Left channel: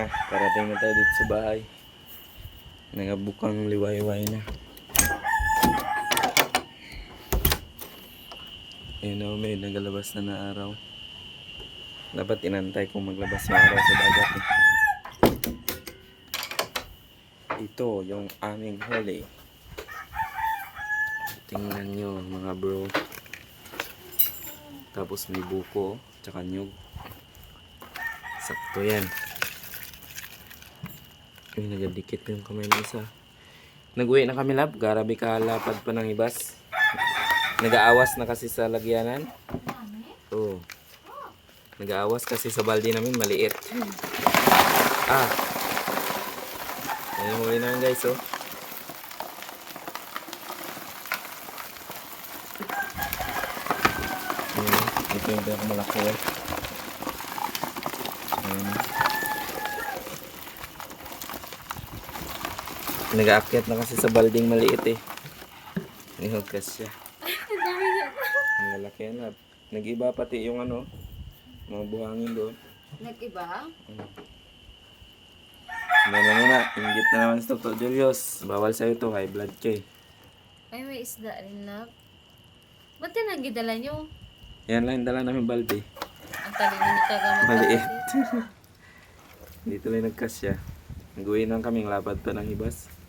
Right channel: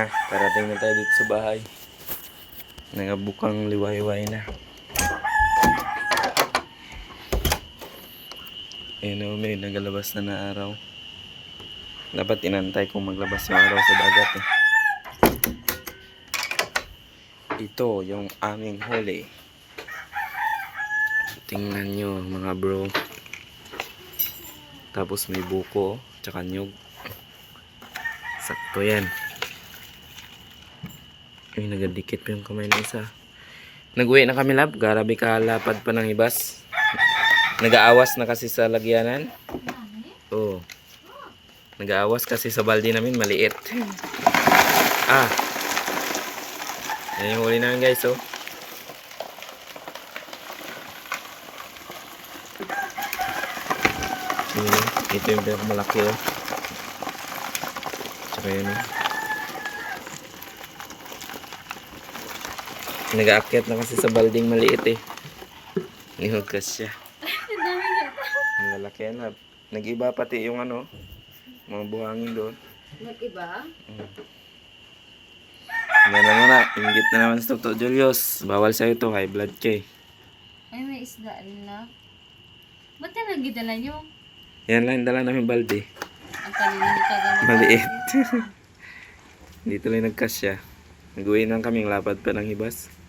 na. Karating na tayo dito sa bahay. Nangabukang liwayway na. Ayun o, may nagalabas na araw. Dapat inantay kung maglabas yung araw sa dagat eh. Ito yung aming huli. Tingnan nyo mga bro. Tapos may buko, tsaka nyug. Sakto yan. Ay, nagadikit pa yung kamay ng isa. Nag-uwi na kami lab. Garabi ka lapad pa ng hibas. Nag-aawas na kasi sa lagyanan. Oo. Nag-aawas kasi sa balde namin maliit. Ah. Yan yung huli namin guys oh. Ito yung pinakamalaki oh. Tsaka yun oh. Nag-aakyat na kasi sa balding maliit eh. Nihugkas siya. Ang lalaki na. Nag-iba pati yung ano, mga buhangin doon. Nag-iba? Hindi na muna. Ingit na naman sa Dr. Julius. Bawal sa'yo to. High blood ka eh. Ay, may isda rin lang. Ba't yan ang gidala nyo? Yan lang dala namin balde. Ang talino ni tagamit. Maliit. Dito lang nagkasya. Nag-uwi lang kaming lapad pa ng hibas.